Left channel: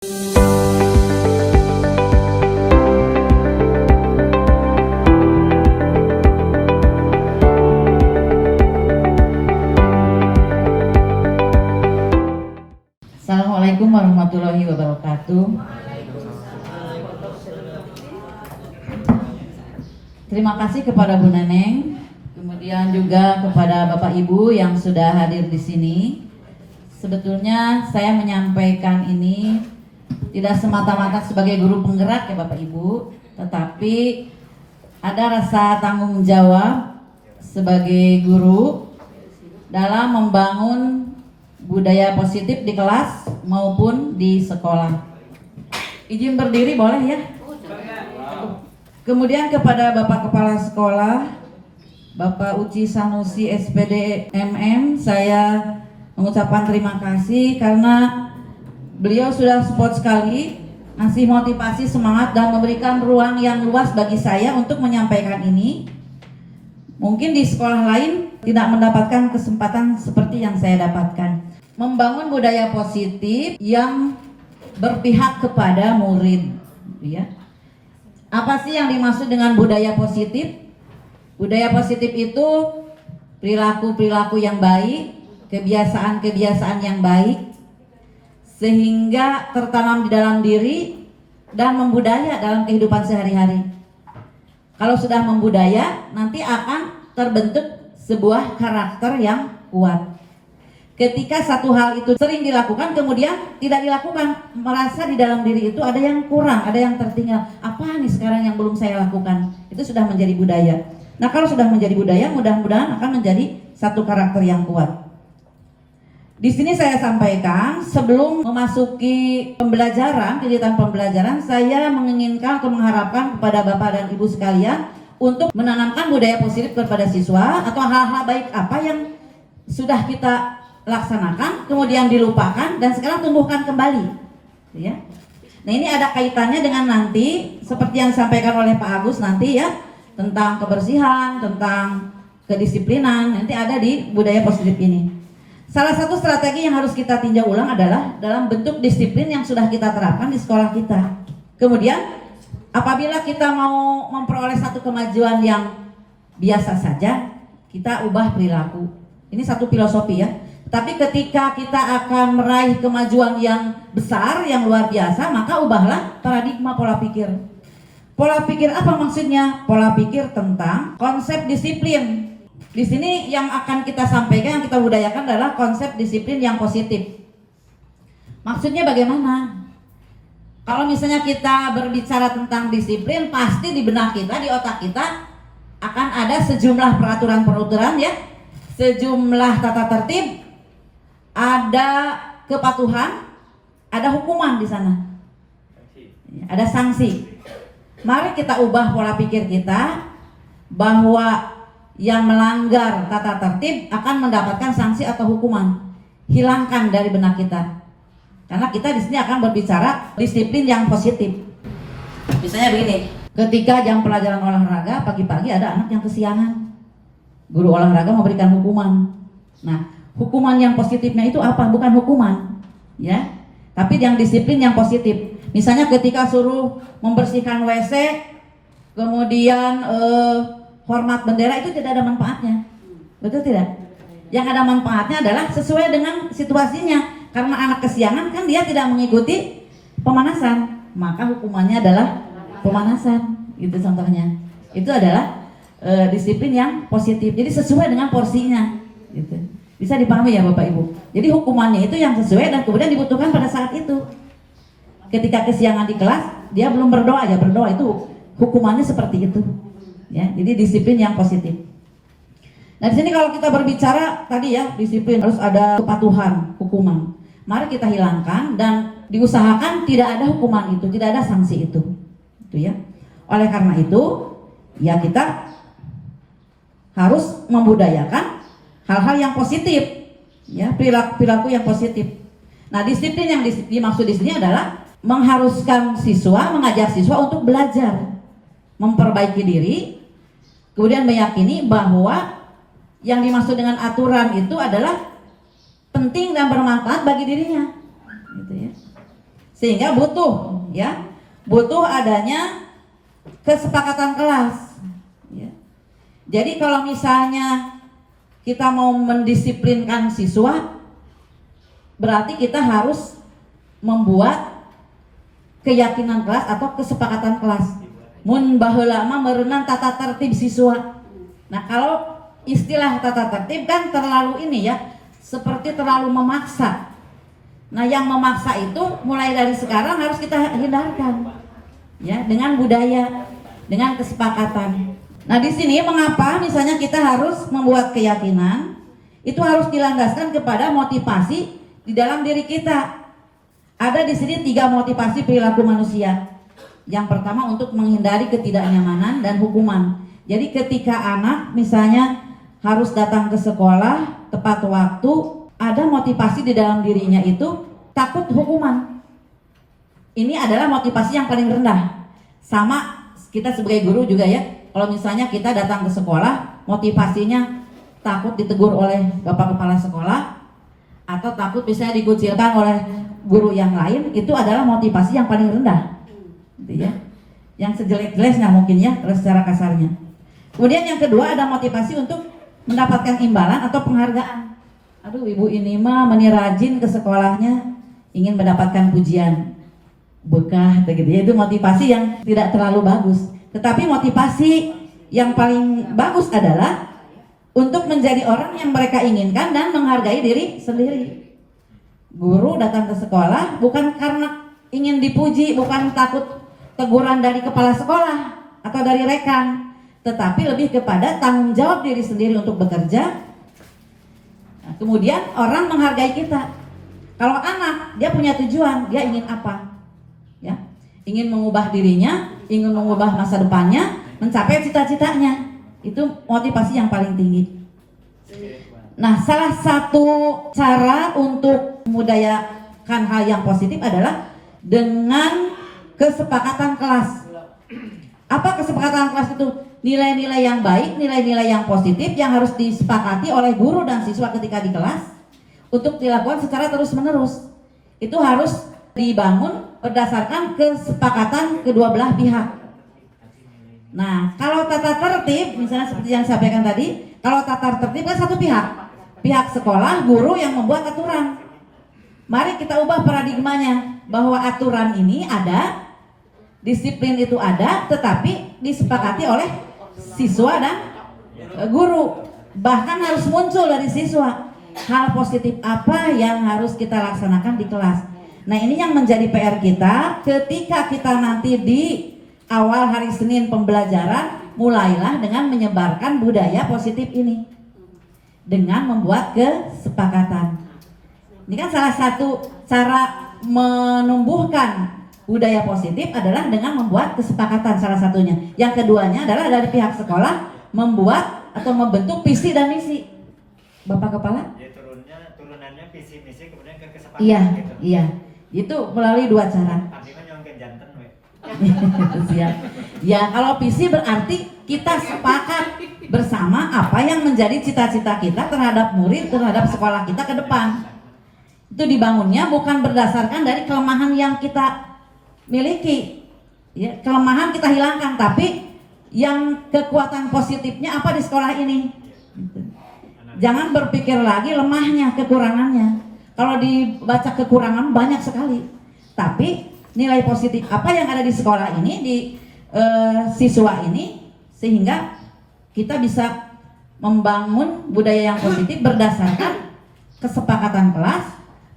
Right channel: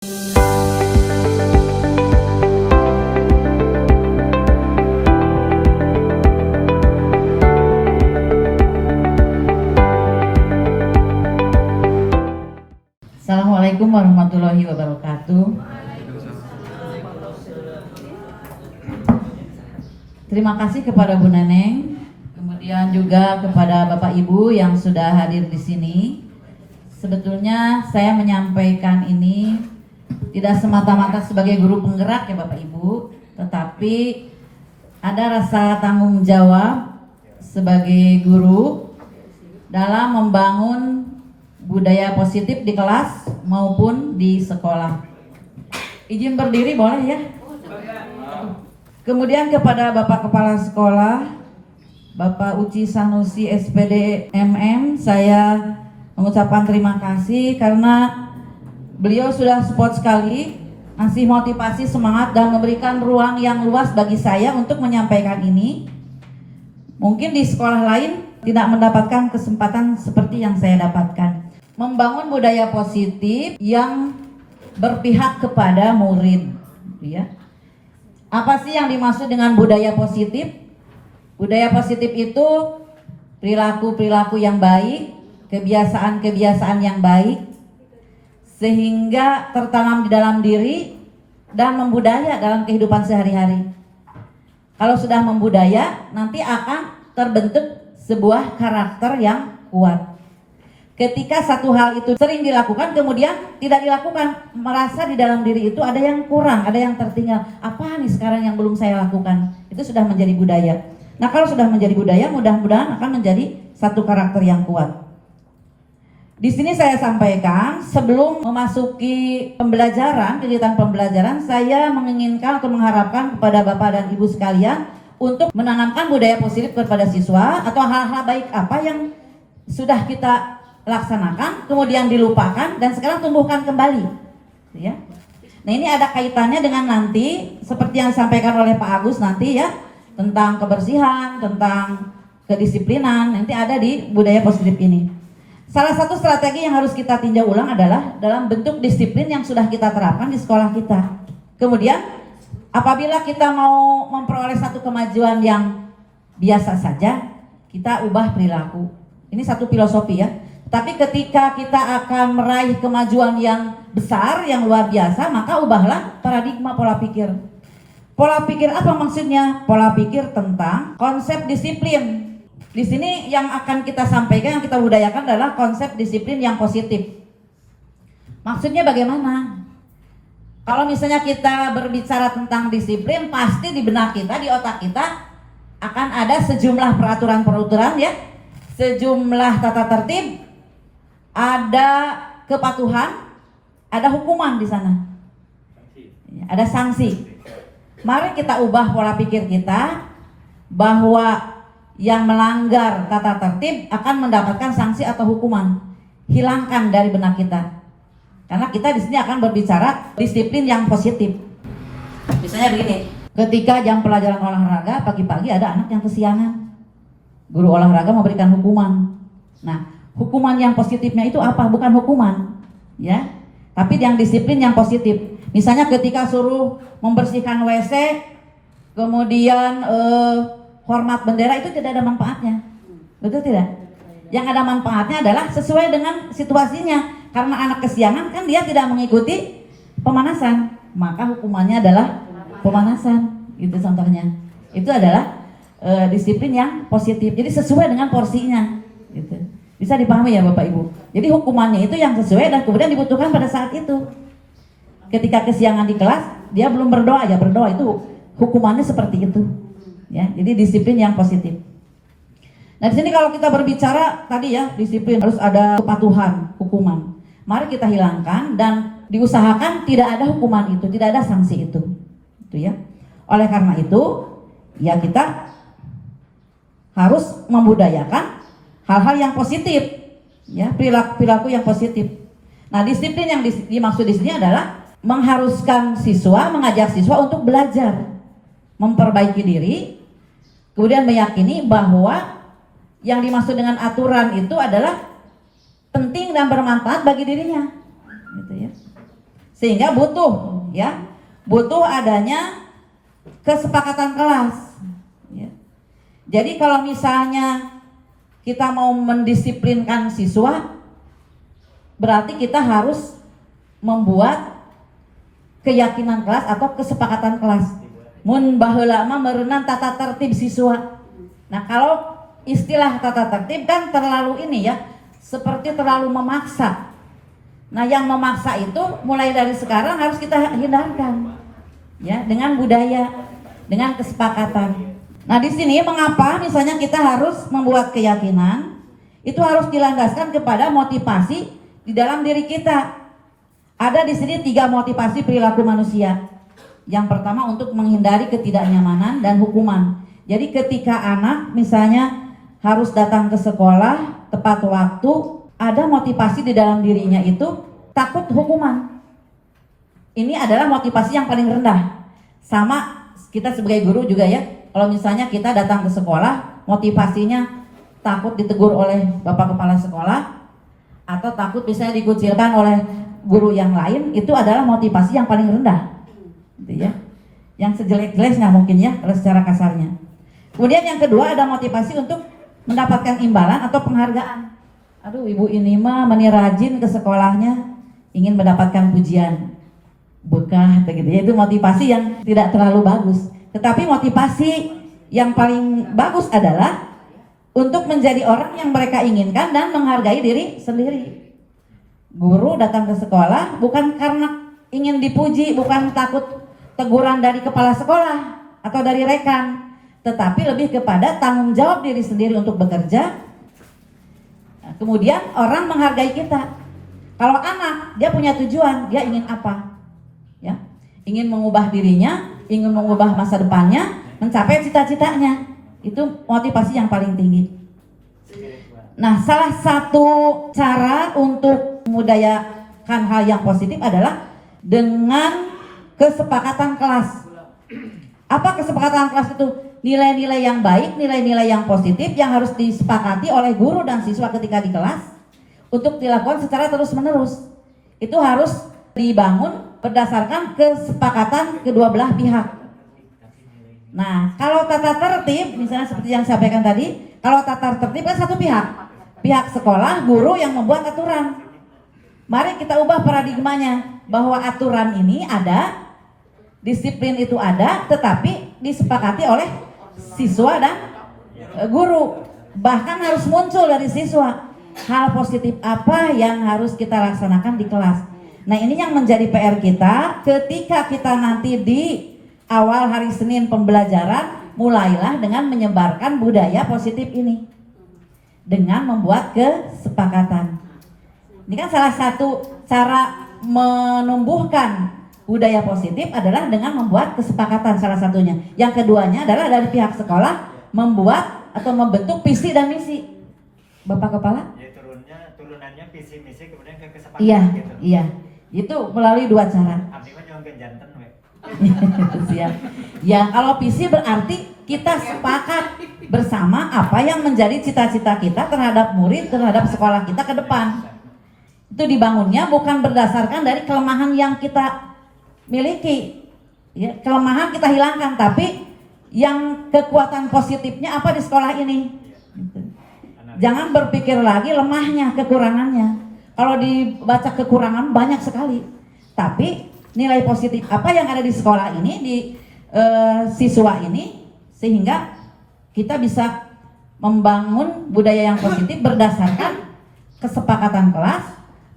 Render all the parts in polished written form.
Assalamualaikum warahmatullahi wabarakatuh. Terima kasih kepada Bu Neneng, kemudian juga kepada Bapak Ibu yang sudah hadir di sini. Sebetulnya saya menyampaikan ini tidak semata-mata sebagai guru penggerak ya Bapak Ibu, tetapi ada rasa tanggung jawab sebagai guru dalam membangun budaya positif di kelas maupun di sekolah. Izin berdiri boleh ya? Kemudian kepada Bapak Kepala Sekolah, Bapak Uci Sanusi SPD MM, saya mengucapkan terima kasih karena beliau sudah support sekali, ngasih motivasi, semangat, dan memberikan ruang yang luas bagi saya untuk menyampaikan ini. Mungkin di sekolah lain tidak mendapatkan kesempatan seperti yang saya dapatkan. Membangun budaya positif yang berpihak kepada murid, ya. Apa sih yang dimaksud dengan budaya positif? Budaya positif itu perilaku-perilaku yang baik, kebiasaan-kebiasaan yang baik, sehingga tertanam di dalam diri dan membudaya dalam kehidupan sehari-hari. Kalau sudah membudaya, nanti akan terbentuk sebuah karakter yang kuat. Ketika satu hal itu sering dilakukan kemudian tidak dilakukan, merasa di dalam diri itu ada yang kurang, ada yang tertinggal. Apa nih sekarang yang belum saya lakukan? Itu sudah menjadi budaya. Nah, kalau sudah menjadi budaya, mudah-mudahan akan menjadi satu karakter yang kuat. Di sini saya sampaikan sebelum memasuki pembelajaran, kegiatan pembelajaran, saya menginginkan atau mengharapkan kepada Bapak dan Ibu sekalian untuk menanamkan budaya positif kepada siswa atau hal-hal baik apa yang sudah kita laksanakan, kemudian dilupakan, dan sekarang tumbuhkan kembali, ya. Nah, ini ada kaitannya dengan nanti seperti yang disampaikan oleh Pak Agus nanti ya, tentang kebersihan, tentang kedisiplinan, nanti ada di budaya positif ini. Salah satu strategi yang harus kita tinjau ulang adalah dalam bentuk disiplin yang sudah kita terapkan di sekolah kita. Kemudian apabila kita mau memperoleh satu kemajuan yang biasa saja, kita ubah perilaku. Ini satu filosofi ya. Tapi ketika kita akan meraih kemajuan yang besar, yang luar biasa, maka ubahlah paradigma pola pikir. Pola pikir apa maksudnya? Pola pikir tentang konsep disiplin. Di sini yang akan kita sampaikan, yang kita budayakan adalah konsep disiplin yang positif. Maksudnya bagaimana? Kalau misalnya kita berbicara tentang disiplin, pasti di benak kita, di otak kita akan ada sejumlah peraturan-peraturan ya, sejumlah tata tertib, ada kepatuhan, ada hukuman di sana, ada sanksi. Mari kita ubah pola pikir kita bahwa yang melanggar tata tertib akan mendapatkan sanksi atau hukuman. Hilangkan dari benak kita, karena kita di sini akan berbicara disiplin yang positif. Misalnya begini, ketika jam pelajaran olahraga pagi-pagi ada anak yang kesiangan, guru olahraga memberikan hukuman. Nah, hukuman yang positifnya itu apa? Bukan hukuman, ya, tapi yang disiplin yang positif. Misalnya ketika suruh membersihkan WC, kemudian hormat bendera, itu tidak ada manfaatnya, betul tidak? Yang ada manfaatnya adalah sesuai dengan situasinya. Karena anak kesiangan kan dia tidak mengikuti pemanasan, maka hukumannya adalah pemanasan. Itu contohnya. Itu adalah disiplin yang positif. Jadi sesuai dengan porsinya, gitu. Bisa dipahami ya Bapak Ibu. Jadi hukumannya itu yang sesuai dan kemudian dibutuhkan pada saat itu. Ketika kesiangan di kelas, dia belum berdoa, ya berdoa, itu hukumannya seperti itu. Ya, jadi disiplin yang positif. Nah, di sini kalau kita berbicara tadi ya, disiplin harus ada kepatuhan, hukuman. Mari kita hilangkan dan diusahakan tidak ada hukuman itu, tidak ada sanksi itu. Itu ya. Oleh karena itu, ya kita harus membudayakan hal-hal yang positif, ya, perilaku yang positif. Nah, disiplin yang dimaksud di sini adalah mengharuskan siswa, mengajak siswa untuk belajar, memperbaiki diri, kemudian meyakini bahwa yang dimaksud dengan aturan itu adalah penting dan bermanfaat bagi dirinya, gitu ya. Sehingga butuh adanya kesepakatan kelas. Ya. Jadi kalau misalnya kita mau mendisiplinkan siswa, berarti kita harus membuat keyakinan kelas atau kesepakatan kelas. Mun baheula mah meureunna tata tertib siswa. Nah, kalau istilah tata tertib kan terlalu ini ya, seperti terlalu memaksa. Nah, yang memaksa itu mulai dari sekarang harus kita hindarkan. Ya, dengan budaya, dengan kesepakatan. Nah, di sini mengapa misalnya kita harus membuat keyakinan, itu harus dilandaskan kepada motivasi di dalam diri kita. Ada di sini 3 motivasi perilaku manusia. Yang pertama untuk menghindari ketidaknyamanan dan hukuman. Jadi ketika anak misalnya harus datang ke sekolah tepat waktu, ada motivasi di dalam dirinya itu takut hukuman. Ini adalah motivasi yang paling rendah. Sama kita sebagai guru juga ya. Kalau misalnya kita datang ke sekolah, motivasinya takut ditegur oleh bapak kepala sekolah atau takut misalnya dikucilkan oleh guru yang lain, itu adalah motivasi yang paling rendah. Gitu ya. Yang sejelek-jeleknya mungkin ya, secara kasarnya. Kemudian yang kedua ada motivasi untuk mendapatkan imbalan atau penghargaan. Aduh, ibu ini mah meni rajin ke sekolahnya, ingin mendapatkan pujian. Bekah gitu ya. Itu motivasi yang tidak terlalu bagus. Tetapi motivasi yang paling bagus adalah untuk menjadi orang yang mereka inginkan dan menghargai diri sendiri. Guru datang ke sekolah bukan karena ingin dipuji, bukan takut teguran dari kepala sekolah atau dari rekan, tetapi lebih kepada tanggung jawab diri sendiri untuk bekerja. Nah, kemudian orang menghargai kita. Kalau anak, dia punya tujuan, dia ingin apa? Ya, ingin mengubah dirinya, ingin mengubah masa depannya, mencapai cita-citanya. Itu motivasi yang paling tinggi. Nah, salah satu cara untuk memudayakan hal yang positif adalah dengan kesepakatan kelas. Apa kesepakatan kelas itu? Nilai-nilai yang baik, nilai-nilai yang positif yang harus disepakati oleh guru dan siswa ketika di kelas untuk dilakukan secara terus-menerus. Itu harus dibangun berdasarkan kesepakatan kedua belah pihak. Nah, kalau tata tertib, misalnya seperti yang saya sampaikan tadi, kalau tata tertib kan satu pihak sekolah, guru yang membuat aturan. Mari kita ubah paradigmanya bahwa aturan ini ada, disiplin itu ada, tetapi disepakati oleh siswa dan guru. Bahkan harus muncul dari siswa hal positif apa yang harus kita laksanakan di kelas. Nah, ini yang menjadi PR kita ketika kita nanti di awal hari Senin pembelajaran, mulailah dengan menyebarkan budaya positif ini dengan membuat kesepakatan. Ini kan salah satu cara menumbuhkan budaya positif adalah dengan membuat kesepakatan salah satunya. Yang keduanya adalah dari pihak sekolah membuat atau membentuk visi dan misi. Bapak Kepala? Ya, turunannya visi misi kemudian ke kesepakatan. Iya, gitu. Iya. Itu melalui 2 cara. Abdi mah nyongkeun janten we. Siap. Ya, kalau visi berarti kita sepakat bersama apa yang menjadi cita-cita kita terhadap murid, terhadap sekolah kita ke depan. Itu dibangunnya bukan berdasarkan dari kelemahan yang kita miliki. Ya, kelemahan kita hilangkan, tapi yang kekuatan positifnya apa di sekolah ini. Jangan berpikir lagi lemahnya, kekurangannya. Kalau dibaca kekurangan banyak sekali, tapi nilai positif apa yang ada di sekolah ini, di siswa ini, sehingga kita bisa membangun budaya yang positif berdasarkan kesepakatan kelas,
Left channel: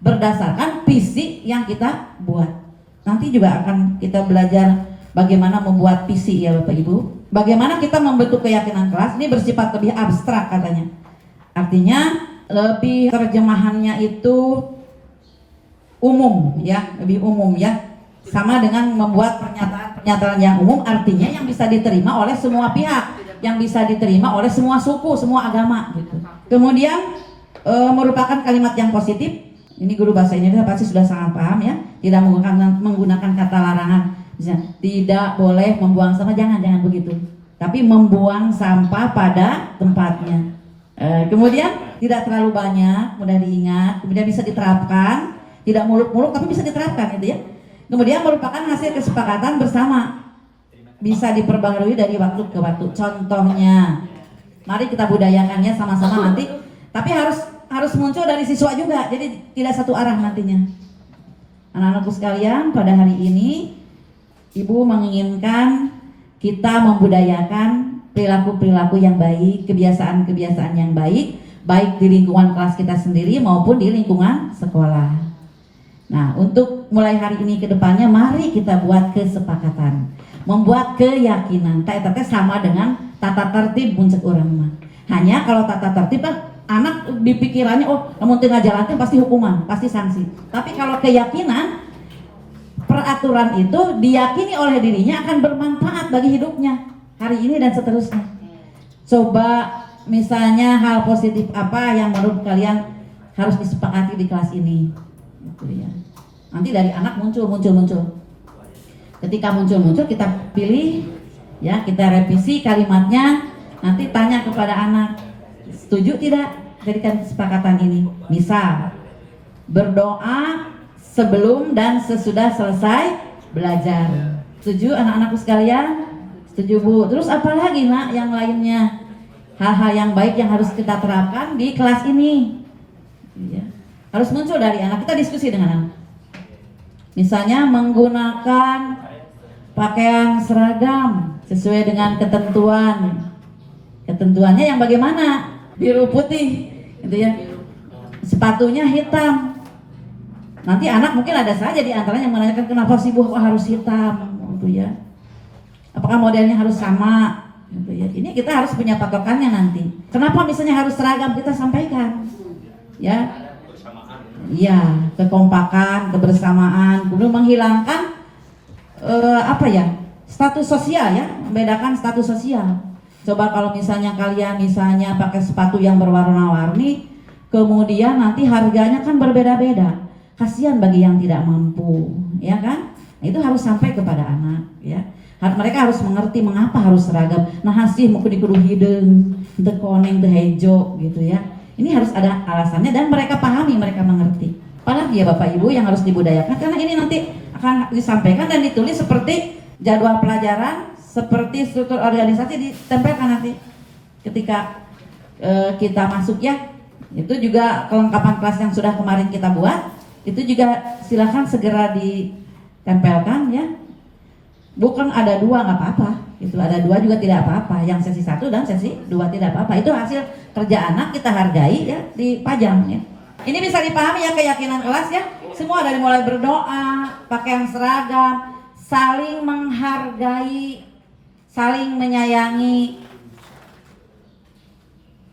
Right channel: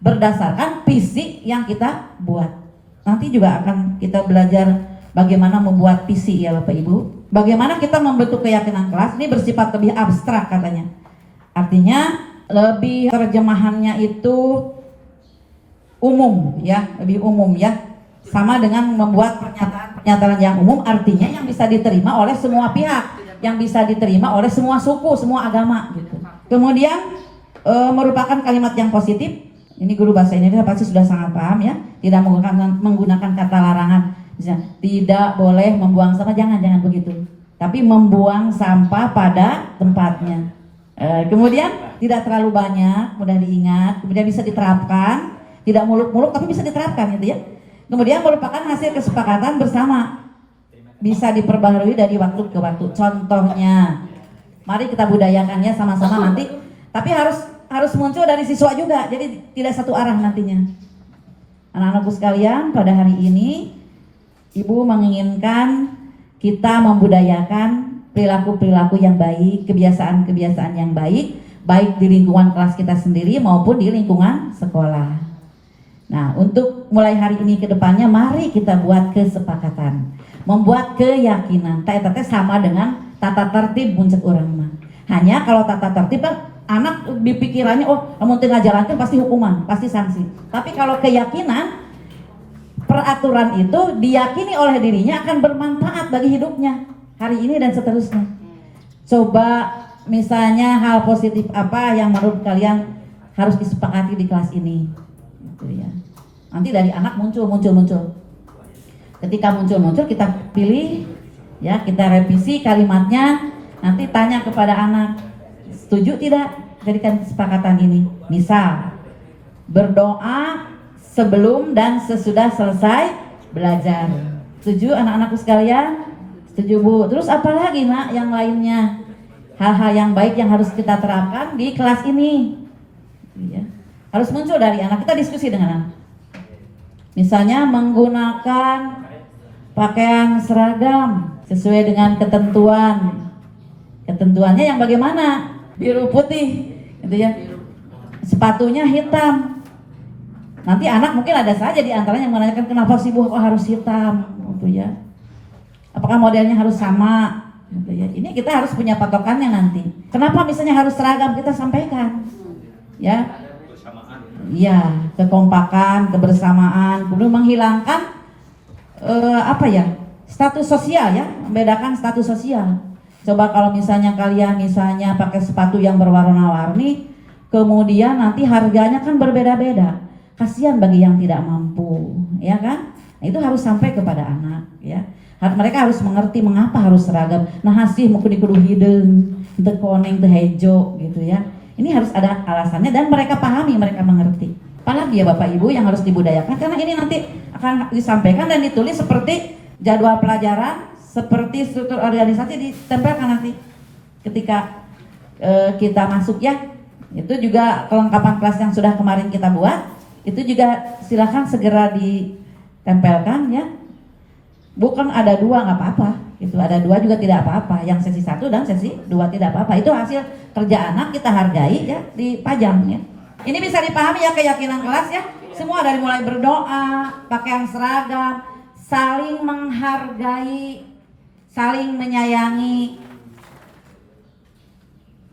berdasarkan visi yang kita buat. Nanti juga akan kita belajar bagaimana membuat visi ya Bapak Ibu. Bagaimana kita membentuk keyakinan kelas, ini bersifat lebih abstrak katanya. Artinya lebih terjemahannya itu umum ya, lebih umum ya. Sama dengan membuat pernyataan yang umum, artinya yang bisa diterima oleh semua pihak, yang bisa diterima oleh semua suku, semua agama gitu. Kemudian merupakan kalimat yang positif. Ini guru bahasa Indonesia pasti sudah sangat paham ya. Tidak menggunakan kata larangan. Misalnya, tidak boleh membuang sampah, jangan begitu. Tapi membuang sampah pada tempatnya. Kemudian tidak terlalu banyak, mudah diingat, kemudian bisa diterapkan, tidak muluk-muluk tapi bisa diterapkan gitu ya. Kemudian merupakan hasil kesepakatan bersama, bisa diperbaharui dari waktu ke waktu. Contohnya, mari kita budayakannya sama-sama nanti, tapi harus muncul dari siswa juga, jadi tidak satu arah nantinya. Anak-anakku sekalian, pada hari ini Ibu menginginkan kita membudayakan perilaku-perilaku yang baik, kebiasaan-kebiasaan yang baik, baik di lingkungan kelas kita sendiri maupun di lingkungan sekolah. Nah, untuk mulai hari ini ke depannya, mari kita buat kesepakatan, membuat keyakinan. Tata sama dengan tata tertib muncul orang mah. Hanya kalau tata tertib kan anak dipikirannya, oh kamu tengah jalan pasti hukuman, pasti sanksi. Tapi kalau keyakinan, peraturan itu diyakini oleh dirinya akan bermanfaat bagi hidupnya hari ini dan seterusnya. Coba misalnya hal positif apa yang menurut kalian harus disepakati di kelas ini, gitu ya. Nanti dari anak muncul. Ketika muncul kita pilih, ya kita revisi kalimatnya. Nanti tanya kepada anak, setuju tidak jadikan kesepakatan ini? Misal, berdoa sebelum dan sesudah selesai belajar. Setuju anak-anakku sekalian? Setuju Bu. Terus apa lagi nak yang lainnya? Hal-hal yang baik yang harus kita terapkan di kelas ini, ya. Harus muncul dari anak. Kita diskusi dengan anak. Misalnya menggunakan pakaian seragam sesuai dengan ketentuan. Ketentuannya yang bagaimana? Biru putih, gitu ya. Sepatunya hitam. Nanti anak mungkin ada saja di antaranya yang menanyakan kenapa sih Bu harus hitam, gitu ya. Apakah modelnya harus sama, gitu ya. Ini kita harus punya patokannya nanti. Kenapa misalnya harus seragam, kita sampaikan, ya. Iya, kekompakan, kebersamaan, kemudian menghilangkan status sosial, ya, membedakan status sosial. Coba kalau misalnya kalian pakai sepatu yang berwarna-warni, kemudian nanti harganya kan berbeda-beda. Kasihan bagi yang tidak mampu, ya kan? Nah, itu harus sampai kepada anak, ya. Mereka harus mengerti mengapa harus seragam. Nah, hasih mau kudu hideung, teu koneng teu hejo, gitu ya. Ini harus ada alasannya dan mereka pahami, mereka mengerti. Apalagi ya Bapak Ibu yang harus dibudayakan, karena ini nanti akan disampaikan dan ditulis seperti jadwal pelajaran, seperti struktur organisasi ditempelkan nanti ketika kita masuk, ya. Itu juga kelengkapan kelas yang sudah kemarin kita buat, itu juga silakan segera ditempelkan, ya. Bukan ada 2 nggak apa-apa, itu ada 2 juga tidak apa-apa, yang sesi 1 dan sesi 2 tidak apa-apa. Itu hasil kerja anak, kita hargai, ya, dipajang, ya. Ini bisa dipahami ya keyakinan kelas, ya. Semua dari mulai berdoa, pakaian seragam, saling menghargai, saling menyayangi,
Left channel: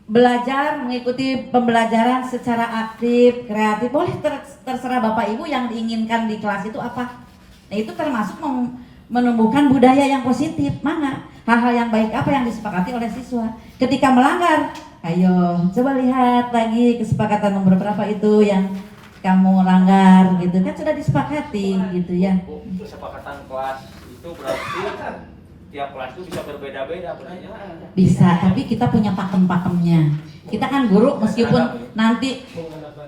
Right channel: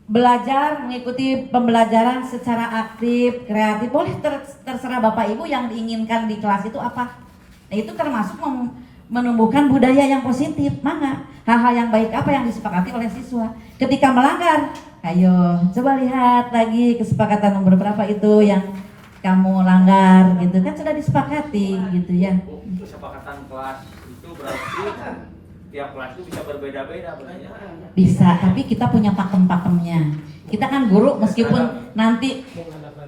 belajar, mengikuti pembelajaran secara aktif, kreatif. Boleh terserah Bapak Ibu yang diinginkan di kelas itu apa. Nah, itu termasuk menumbuhkan budaya yang positif. Mana hal-hal yang baik apa yang disepakati oleh siswa. Ketika melanggar, ayo coba lihat lagi kesepakatan nomor berapa itu yang kamu langgar, gitu kan, sudah disepakati, gitu ya. Kesepakatan kelas itu berarti tiap kelas itu bisa berbeda-beda benarnya. Bisa, tapi kita punya pakem-pakemnya. Kita kan guru, meskipun nanti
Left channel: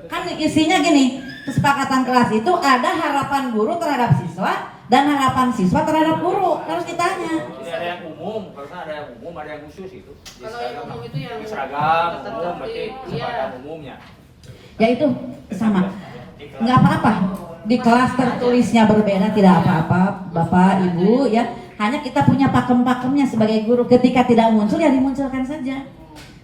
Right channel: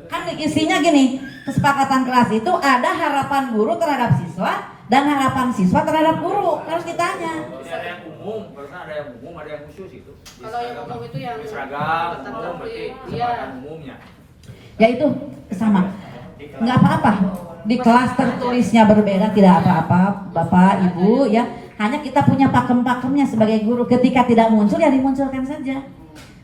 kan isinya gini, kesepakatan kelas itu ada harapan guru terhadap siswa dan harapan siswa terhadap guru, harus ditanya. Jadi ada yang umum, karena ada yang umum, ada yang khusus itu. Kalau yang umum itu yang seragam umum, berarti kesepakatan umumnya. Ya itu sama, nggak apa-apa. Di kelas tertulisnya berbeda, tidak apa-apa, Bapak, Ibu, ya. Hanya kita punya pakem-pakemnya sebagai guru. Ketika tidak muncul, ya dimunculkan saja.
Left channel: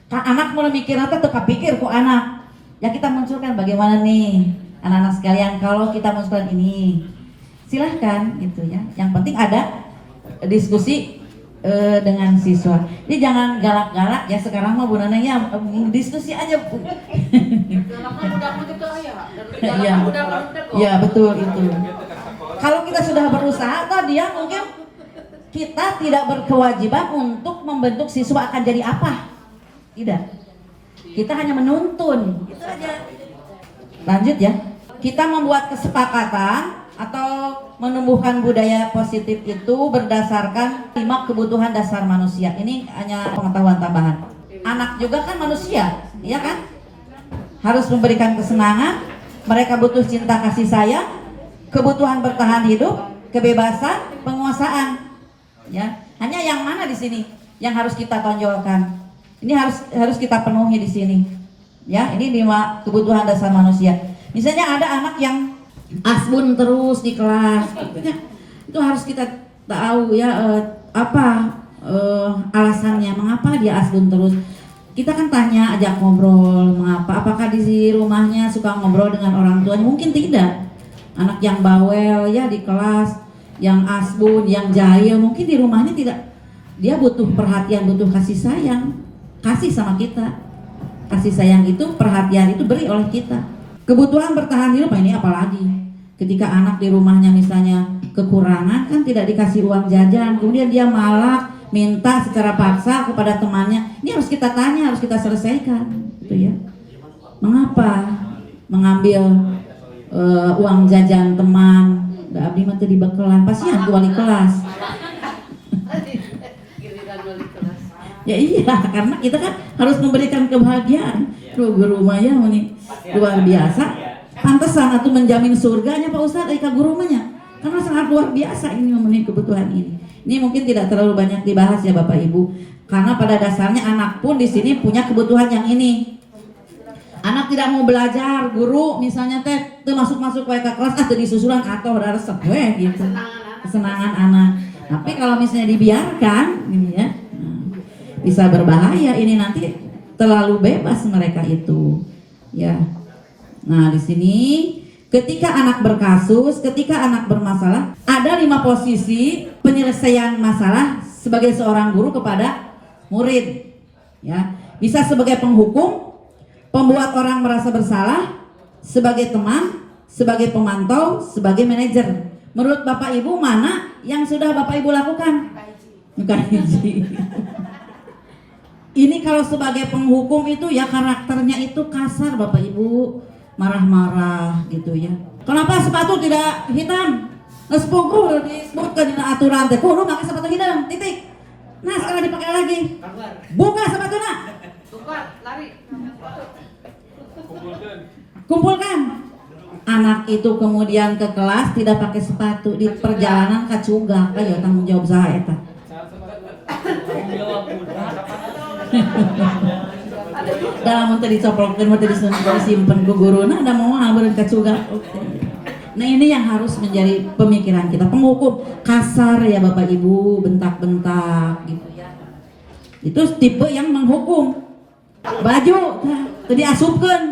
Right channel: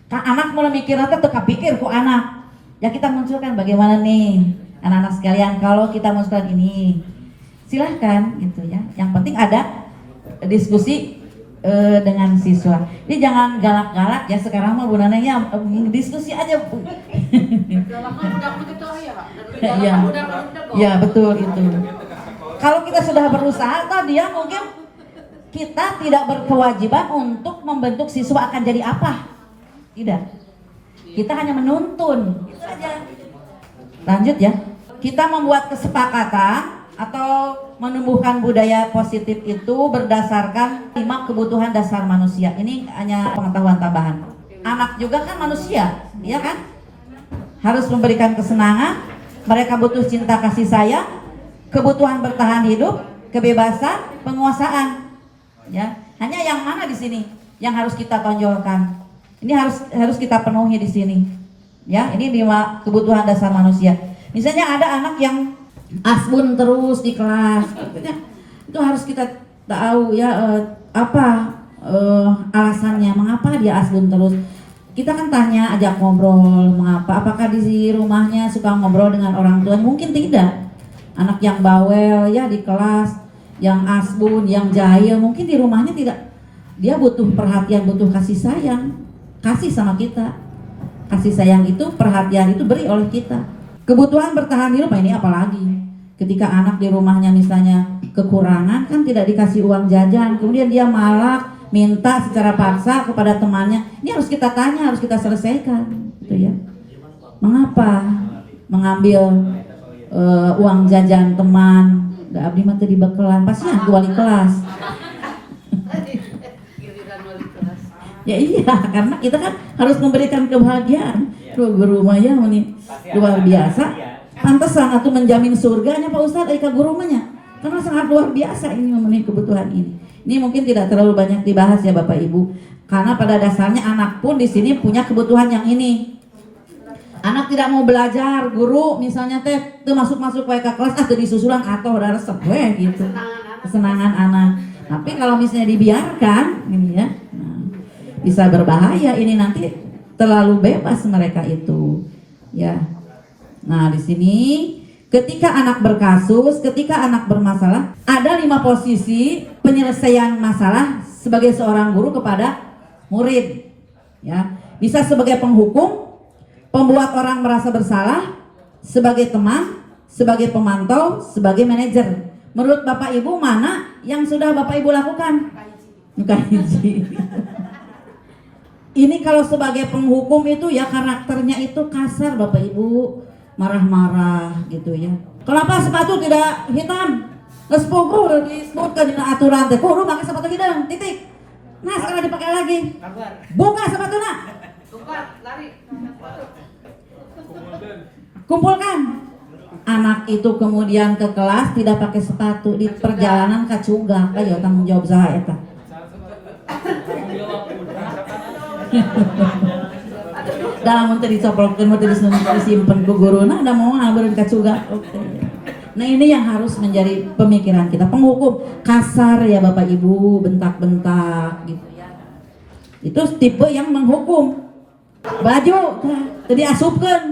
Kan anak mulai mikir, tuh kepikir ku anak. Ya kita munculkan bagaimana nih, anak-anak sekalian, kalau kita munculkan ini, silahkan, gitu ya. Yang penting ada diskusi dengan siswa. Jadi jangan galak-galak ya, sekarang mah Bu Nananya diskusi aja. Galaknya budak begitu ya. Dan galaknya budak begitu. Ya betul itu. Kalau kita sudah berusaha, tadi ya mungkin kita tidak berkewajiban untuk membentuk siswa akan jadi apa. Tidak. Kita hanya menuntun. Itu aja. Lanjut ya. Kita membuat kesepakatan atau menumbuhkan budaya positif itu berdasarkan 5 kebutuhan dasar manusia. Ini hanya pengetahuan tambahan. Anak juga kan manusia, ya kan? Harus memberikan kesenangan, mereka butuh cinta kasih sayang, kebutuhan bertahan hidup, kebebasan, penguasaan. Ya, hanya yang mana di sini yang harus kita tonjolkan? Ini harus kita penuhi di sini. Ya, ini 5 kebutuhan dasar manusia. Misalnya ada anak yang asbun terus di kelas, gitu ya. Itu harus kita tahu ya apa alasannya, mengapa dia asbun terus. Kita kan tanya, ajak ngobrol, mengapa? Apakah di rumahnya suka ngobrol dengan orang tua? Mungkin tidak. Anak yang bawel ya di kelas, yang asbun, yang jahil, mungkin di rumahnya tidak. Dia butuh perhatian, butuh kasih sayang, kasih sama kita. Kasih sayang itu, perhatian itu beri oleh kita. Kebutuhan bertahan hidup ini apalagi? Ketika anak di rumahnya misalnya kekurangan, kan tidak dikasih uang jajan, kemudian dia malah minta secara paksa kepada temannya. Ini harus kita tanya, harus kita selesaikan, gitu ya. Mengapa mengambil uang jajan teman? Gak abdi mah teu dibekelan, pasian wali kelas. Giliran wali kelas. Ya iya, karena kita kan harus memberikan kebahagiaan. Guru maya ini luar biasa. Pantesan atuh menjamin surganya Pak Ustadz ka guru mah nya. Karena sangat luar biasa ini memenuhi kebutuhan ini. Ini mungkin tidak terlalu banyak dibahas ya Bapak Ibu. Karena pada dasarnya anak pun di sini punya kebutuhan yang ini. Anak tidak mau belajar, guru misalnya teh tuh masuk ke kelas teu disusulan atoh udah resep we gitu. Kesenangan anak. Tapi kalau misalnya dibiarkan ini ya, bisa berbahaya, ini nanti terlalu bebas mereka itu. Ya. Nah, di sini ketika anak berkasus, ketika anak bermasalah, ada 5 posisi penyelesaian masalah sebagai seorang guru kepada murid. Ya, bisa sebagai penghukum, pembuat orang merasa bersalah, sebagai teman, sebagai pemantau, sebagai manajer. Menurut Bapak Ibu mana yang sudah Bapak Ibu lakukan? Kaiji. Ini kalau sebagai penghukum itu ya karakternya itu kasar Bapak Ibu, marah-marah gitu ya. Kenapa sepatu tidak hitam? Ngespuku disebutkan di aturan teh kudu pakai sepatu hitam, titik. Nah sekarang dipakai lagi. Buka sepatunya. Buka, lari. Kumpulkan. Anak itu kemudian ke kelas tidak pakai sepatu di perjalanan kacugak. Ayo tanggung jawab saya eta. Dalam menteri dicoplokin, menteri disimpan ku guruna, ada mau ngambilin kacugak. Nah ini yang harus menjadi pemikiran kita. Penghukum kasar ya Bapak Ibu, bentak-bentak gitu ya. Itu tipe yang menghukum. Baju tadi asupkeun.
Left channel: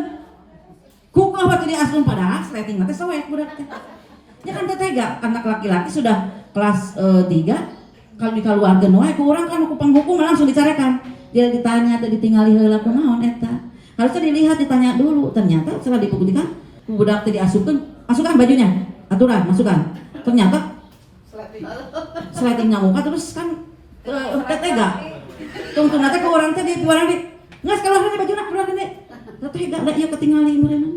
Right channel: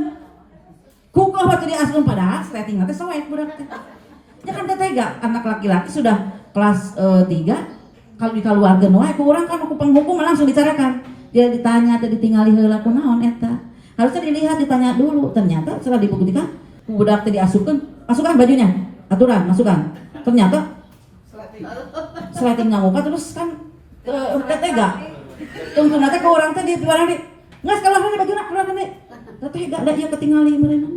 Kuku apa tadi asupkeun padahal setting teh soek budak teh. Ya kan teh tega anak laki-laki sudah kelas 3 kalau dikaluarkeun wae ku urang kan aku penghukum langsung bicarakan. Dia ditanya teh ditingali heula kunaon eta. Harusnya dilihat ditanya dulu. Ternyata setelah dibuktikan budak teh diasupkeun, masukkan bajunya. Aturan, masukkan. Ternyata sleting ngamuka terus kan tega. Tungtung teh ke urang teh di orang di nggak sekolah ini baju nak keluar ini, tapi gak ada yang ketinggalan mereka.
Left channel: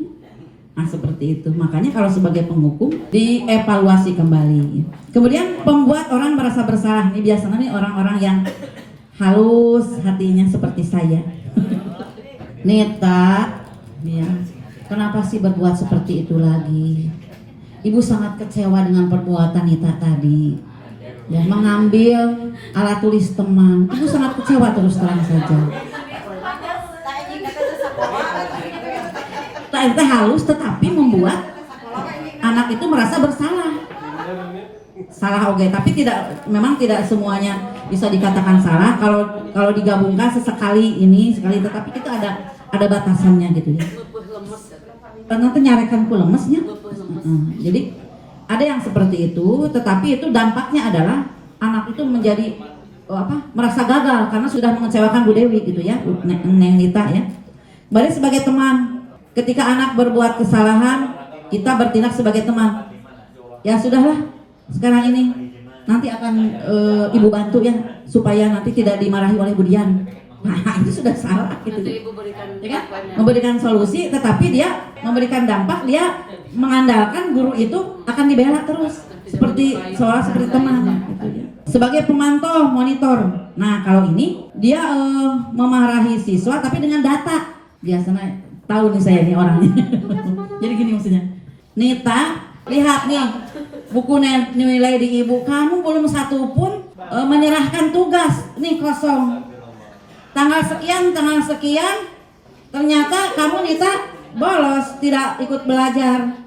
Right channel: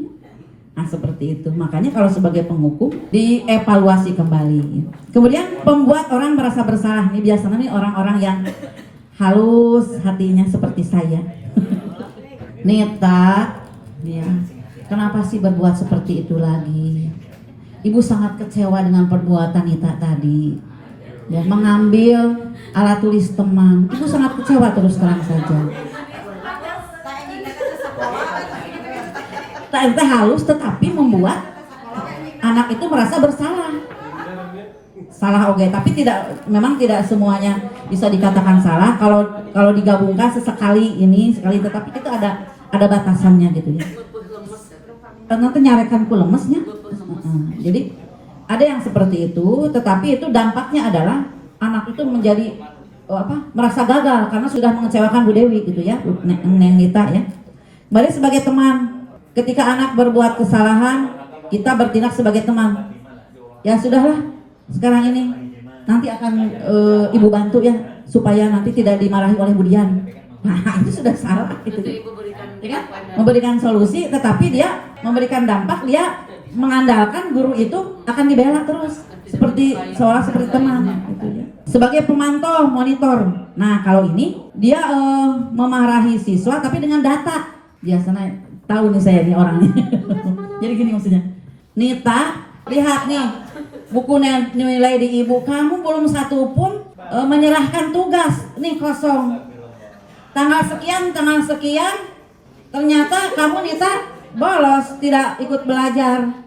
Nah seperti itu. Makanya kalau sebagai penghukum dievaluasi kembali. Kemudian pembuat orang merasa bersalah. Ini biasanya nih orang-orang yang halus hatinya seperti saya. Nita, ya. Kenapa sih berbuat seperti itu lagi? Ibu sangat kecewa dengan perbuatan Nita tadi. Ya, mengambil alat tulis teman. Ibu sangat kecewa terus terang saja. Ente halus tetapi membuat anak itu merasa bersalah. Salah oke, tapi memang tidak semuanya bisa dikatakan salah. Kalau digabungkan sesekali ini sekali, tetapi itu ada batasannya gitu ya. Karena itu nyarekan ku lemesnya. Jadi ada yang seperti itu, tetapi itu dampaknya adalah anak itu menjadi merasa gagal karena sudah mengecewakan Bu Dewi gitu ya, Neng Nita ya. Mari sebagai teman. Ketika anak berbuat kesalahan, kita bertindak sebagai teman. Ya sudahlah, sekarang ini nanti akan ibu bantu ya, supaya nanti tidak dimarahi oleh Bu Dian. Nah itu sudah salah gitu. Nanti ibu berikan Ya, memberikan solusi, tetapi dia memberikan dampak, dia mengandalkan guru itu akan dibela terus, seperti seolah seperti teman. Gitu ya. Sebagai pemantau, monitor. Nah kalau ini dia memarahi siswa, tapi dengan data. Biasanya tahu nih saya nih orangnya. Jadi gini maksudnya, Nita Lihat nih, buku nilai di ibu. Kamu belum satu pun menyerahkan tugas. Nih kosong. Tanggal sekian, ternyata kamu Nita bolos, tidak ikut belajar.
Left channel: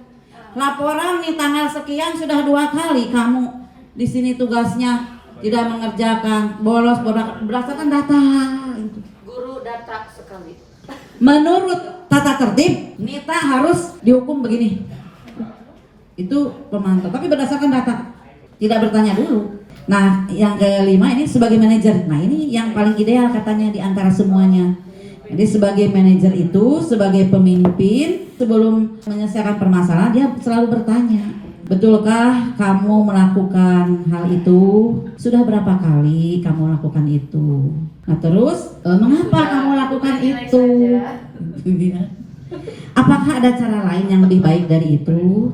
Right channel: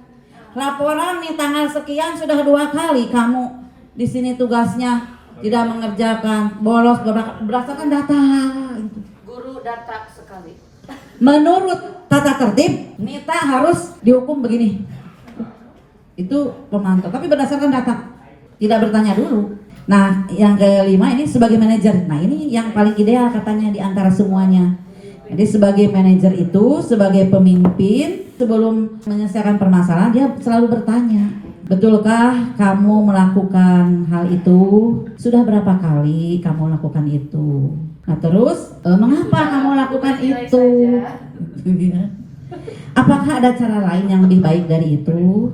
Laporan nih tanggal sekian sudah 2 kali kamu di sini tugasnya tidak mengerjakan, bolos berdasarkan data. Guru data sekali. Menurut tata tertib, Nita harus dihukum begini. Itu pemantau, tapi berdasarkan data, tidak bertanya dulu. Nah, yang kelima ini sebagai manajer. Nah, ini yang paling ideal katanya di antara semuanya. Jadi sebagai manajer itu, sebagai pemimpin, sebelum menyelesaikan permasalahan dia selalu bertanya, betulkah kamu melakukan hal itu? Sudah berapa kali kamu lakukan itu? Nah terus, mengapa kamu lakukan itu? Apakah ada cara lain yang lebih baik dari itu?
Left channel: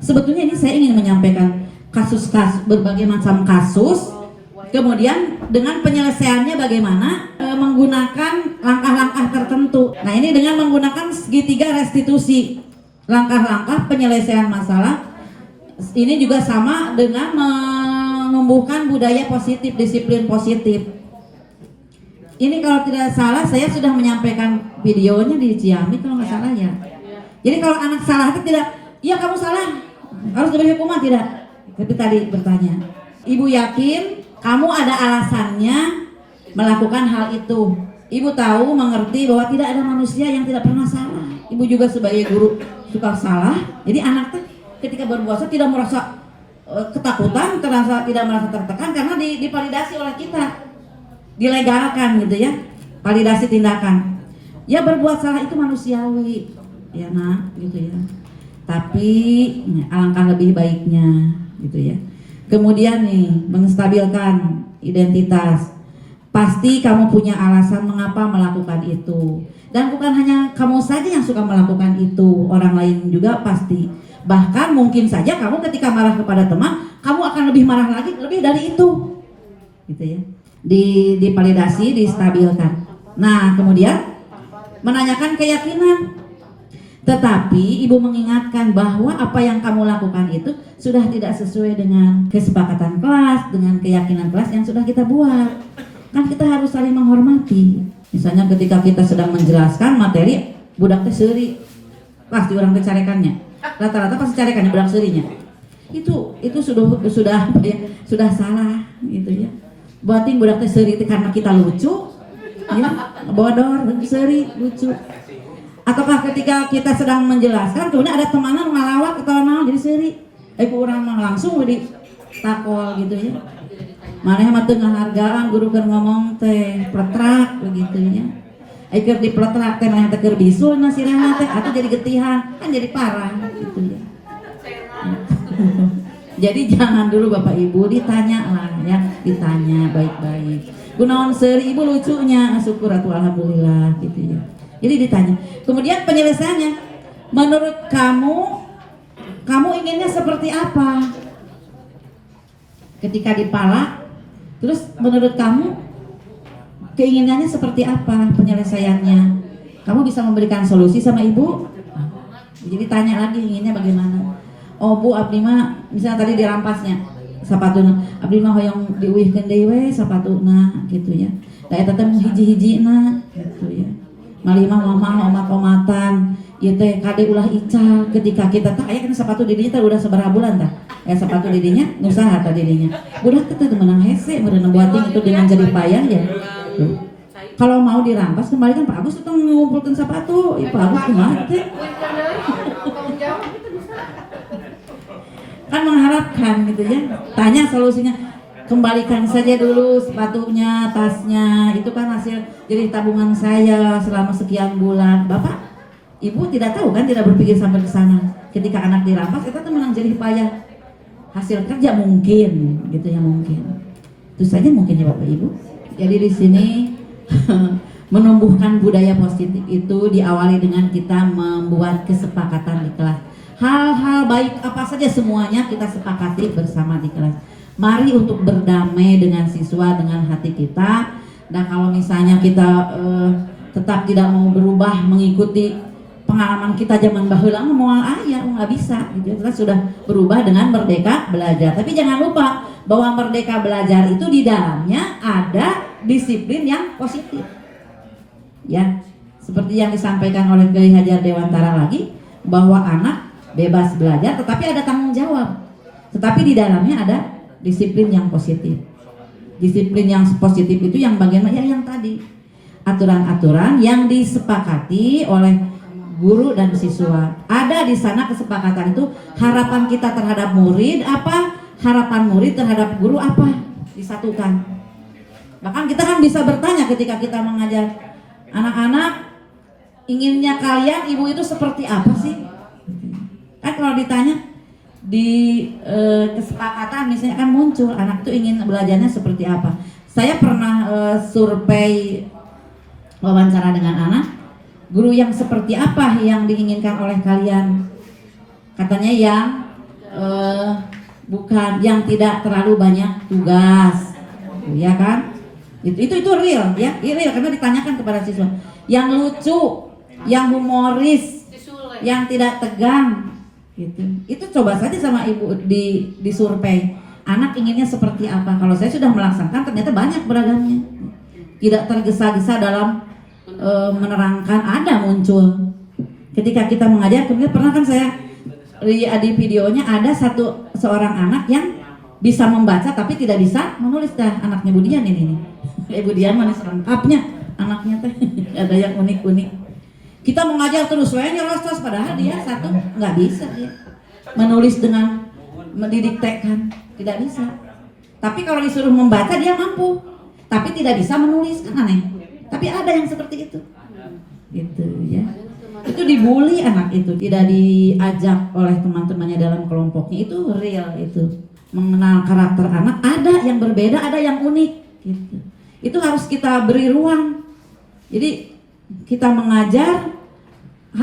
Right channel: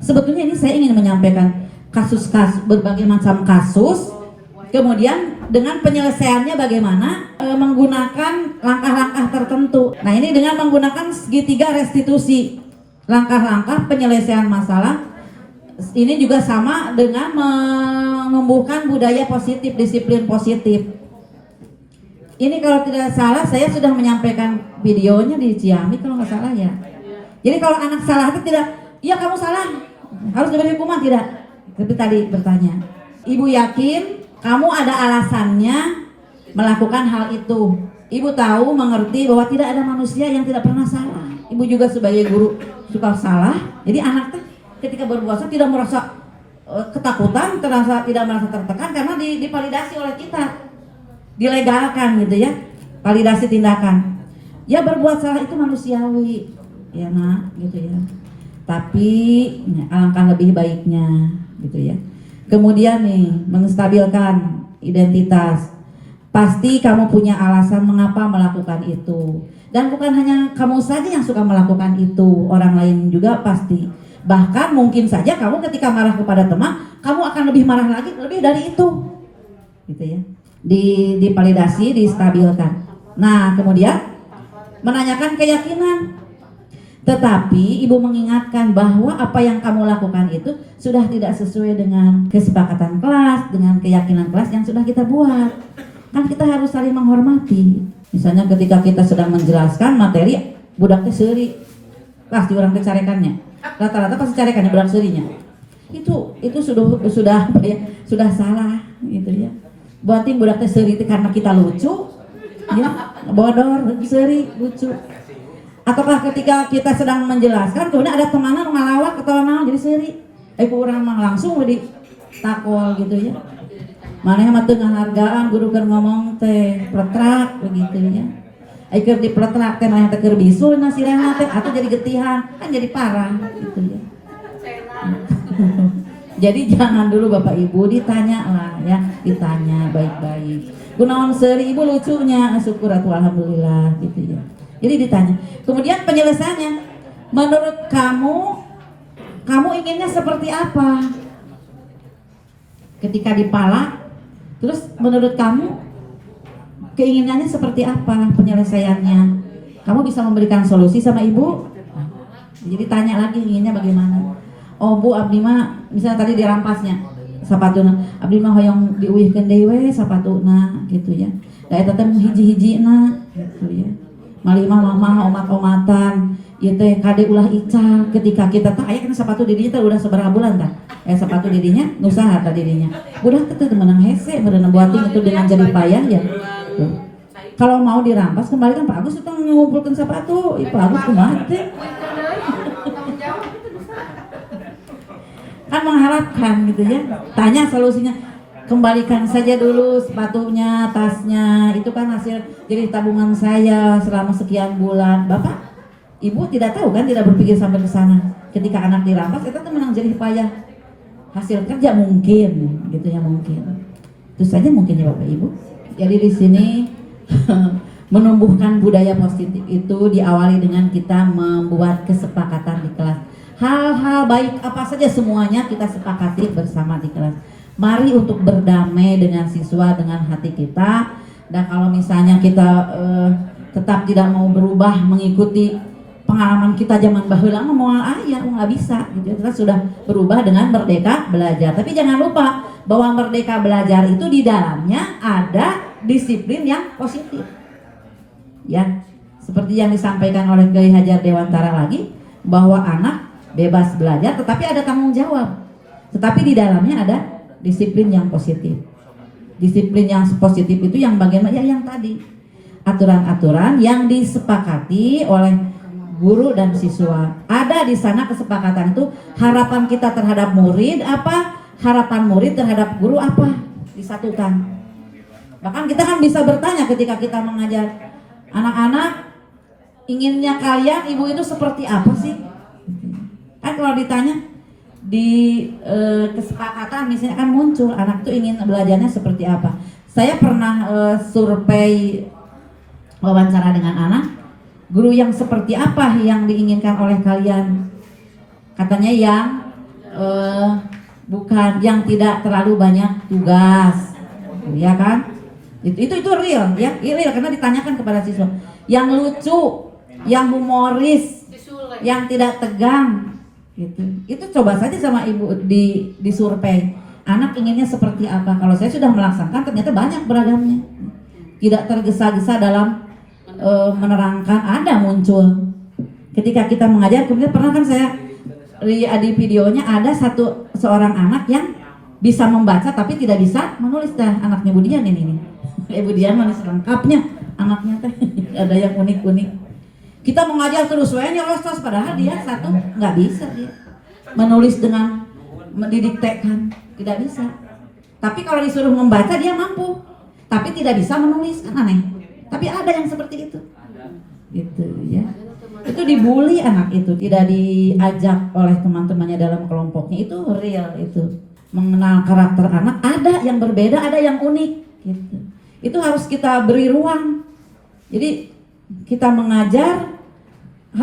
Sebetulnya ini saya ingin menyampaikan kasus-kasus, berbagai macam kasus, kemudian dengan penyelesaiannya bagaimana menggunakan langkah-langkah tertentu. Nah ini dengan menggunakan segitiga restitusi, langkah-langkah penyelesaian masalah. Ini juga sama dengan menumbuhkan budaya positif, disiplin positif. Ini kalau tidak salah saya sudah menyampaikan videonya di Ciamik kalau nggak salah ya. Jadi kalau anak salah itu tidak, iya kamu salah, harus diberi hukuman, tidak. Tapi tadi bertanya, ibu yakin kamu ada alasannya melakukan hal itu. Ibu tahu, mengerti bahwa tidak ada manusia yang tidak pernah salah. Ibu juga sebagai guru suka salah. Jadi anak ketika berpuasa tidak merasa ketakutan, tidak merasa tertekan karena divalidasi oleh kita, dilegalkan gitu ya, validasi tindakan. Ya berbuat salah itu manusiawi, ya nak, gitu ya. Tapi ya, alangkah lebih baiknya, gitu ya. Kemudian nih, menstabilkan identitas. Pasti kamu punya alasan mengapa melakukan itu. Dan bukan hanya kamu saja yang suka melakukan itu, orang lain juga pasti. Bahkan mungkin saja kamu ketika marah kepada teman, kamu akan lebih marah lagi, lebih dari itu, gitu ya. Divalidasi, distabilkan. Nah, kemudian menanyakan keyakinan. Tetapi ibu mengingatkan bahwa apa yang kamu lakukan itu sudah tidak sesuai dengan kesepakatan kelas, dengan keyakinan kelas yang sudah kita buat. Kan kita harus saling menghormati. Misalnya ketika kita sedang menjelaskan materi, budak teh seuri, pasti orang kecarekannya. Rata-rata pasti carekannya budak seurinya. Itu sudah salah gitu ya. Buatin budak teh seuri karena kita lucu, ya, bodor, seuri, lucu. Ataukah ketika kita sedang menjelaskan, kemudian ada temannya ngalawak ketawa jadi seuri, kurang langsung di takol gitu ya. Mana yang tengah hargaan guru kan ngomong teh pletrak begitu ya. Keur di pletrak teh yang keur bisul na sirena teh atau jadi getihan, kan jadi parah gitu ya. Jadi jangan dulu Bapak Ibu ditanya lah ya, ditanya baik-baik. Kunaon seuri ibu lucunya, syukur atuh alhamdulillah gitu ya. Jadi ditanya. Kemudian penyelesaiannya, menurut kamu inginnya seperti apa? Ketika dipalak, terus menurut kamu keinginannya seperti apa penyelesaiannya? Kamu bisa memberikan solusi sama ibu? Jadi tanya lagi inginnya bagaimana? Oh bu, abdi mah misalnya tadi dirampasnya sapatuna, abdi mah hoyong diuihkeun deui we sapatuna gitu ya. Da eta teh hiji-hijina gitu ya. Malima mama omat-omatan ieu teh kade ulah ical ketika kita teh aya kana sapatu di dinya teh udah sabaraha bulan tah. Sapatu di dinya nusaha tah di dinya. Budak teh menang hese meunang buating itu dengan jadi payah ya. Kalau mau dirampas kembalikan Pak Agus itu ngumpulkeun sapatu, ya Pak Agus kumaha teh? Tanggung jawab itu bisa. Kan mengharapkan gitu ya. Tanya solusinya. Kembalikan saja dulu sepatunya, tasnya, itu kan hasil dari tabungan saya selama sekian bulan. Bapak, Ibu tidak tahu kan, tidak berpikir sampai ke sana. Ketika anak dirampas, itu tuh menang jadi payah. Hasil kerja mungkin, gitu ya mungkin. Itu saja mungkin ya Bapak Ibu. Jadi di sini menumbuhkan budaya positif itu diawali dengan kita membuat kesepakatan di kelas. Hal-hal baik apa saja semuanya kita sepakati bersama di kelas. Mari untuk berdamai dengan siswa dengan hati kita. Dan kalau misalnya kita tetap tidak mau berubah mengikuti pengalaman kita zaman baheula mah moal aya nggak bisa gitu. Kita sudah berubah dengan Merdeka Belajar. Tapi jangan lupa bahwa Merdeka Belajar itu di dalamnya ada disiplin yang positif. Ya, seperti yang disampaikan oleh Kiai Hajar Dewantara lagi, bahwa anak bebas belajar tetapi ada tanggung jawab. Tetapi di dalamnya ada disiplin yang positif. Disiplin yang positif itu yang bagaimana? Ya yang tadi. Aturan-aturan yang disepakati oleh guru dan siswa. Ada di sana kesepakatan itu, harapan kita terhadap murid apa, harapan murid terhadap guru apa, disatukan. Bahkan kita kan bisa bertanya ketika kita mengajar anak-anak, inginnya kalian ibu itu seperti apa sih? Kan kalau ditanya di kesepakatan misalnya kan muncul anak itu ingin belajarnya seperti apa. Saya pernah survei wawancara dengan anak, guru yang seperti apa yang diinginkan oleh kalian? Katanya yang bukan, yang tidak terlalu banyak tugas, ya kan? Itu real ya, real karena ditanyakan kepada siswa. Yang lucu, yang humoris, yang tidak tegang, gitu. Itu coba saja sama ibu di survei. Anak inginnya seperti apa? Kalau saya sudah melaksanakan ternyata banyak beragamnya. Tidak tergesa-gesa dalam menerangkan, ada muncul. Ketika kita mengajar, kemudian pernah kan saya lihat di videonya ada seorang anak yang bisa membaca tapi tidak bisa menulis. Dah anaknya Budian ini. Budian manis lengkapnya anaknya teh. Ada yang unik-unik. Kita mengajar terus, wayanya los-los padahal dia satu nggak bisa ya. Menulis dengan didiktekan, tidak bisa. Tapi kalau disuruh membaca dia mampu, tapi tidak bisa menulis, kan aneh. Tapi ada yang seperti itu, gitu ya. Itu dibully anak itu, tidak diajak oleh teman-temannya dalam kelompoknya, itu real itu. Mengenal karakter anak, ada yang berbeda, ada yang unik, gitu. Itu harus kita beri ruang. Jadi kita mengajar,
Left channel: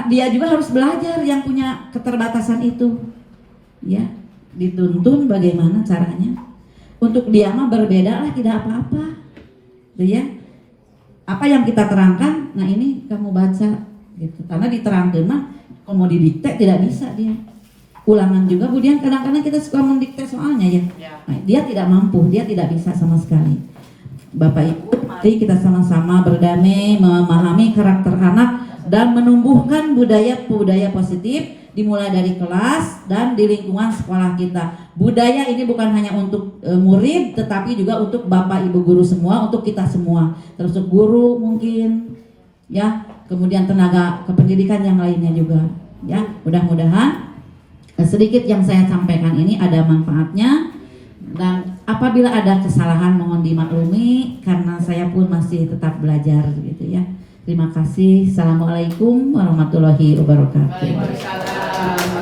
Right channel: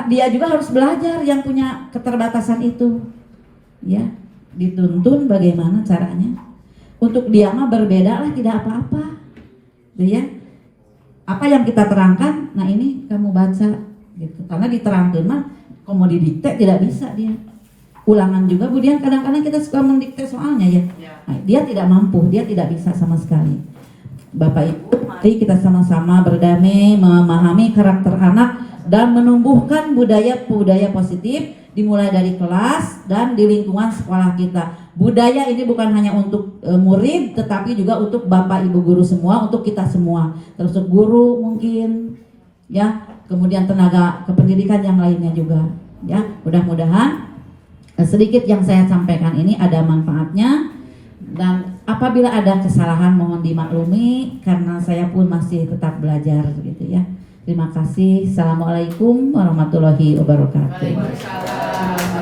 dia juga harus belajar yang punya keterbatasan itu, ya. Dituntun bagaimana caranya. Untuk dia mah berbeda lah, tidak apa-apa, ya. Apa yang kita terangkan, nah ini kamu baca, gitu. Karena diterangkan mah, kalau mau didikte tidak bisa dia. Ulangan juga, kemudian kadang-kadang kita suka mendikte soalnya ya. Nah, dia tidak mampu, dia tidak bisa sama sekali. Bapak Ibu, mari kita sama-sama berdamai, memahami karakter anak dan menumbuhkan budaya positif dimulai dari kelas dan di lingkungan sekolah kita. Budaya ini bukan hanya untuk murid, tetapi juga untuk Bapak Ibu guru semua, untuk kita semua, termasuk guru mungkin, ya, kemudian tenaga kependidikan yang lainnya juga, ya. Mudah-mudahan sedikit yang saya sampaikan ini ada manfaatnya, dan apabila ada kesalahan mohon dimaklumi karena saya pun masih tetap belajar, gitu ya. Terima kasih. Assalamualaikum warahmatullahi wabarakatuh.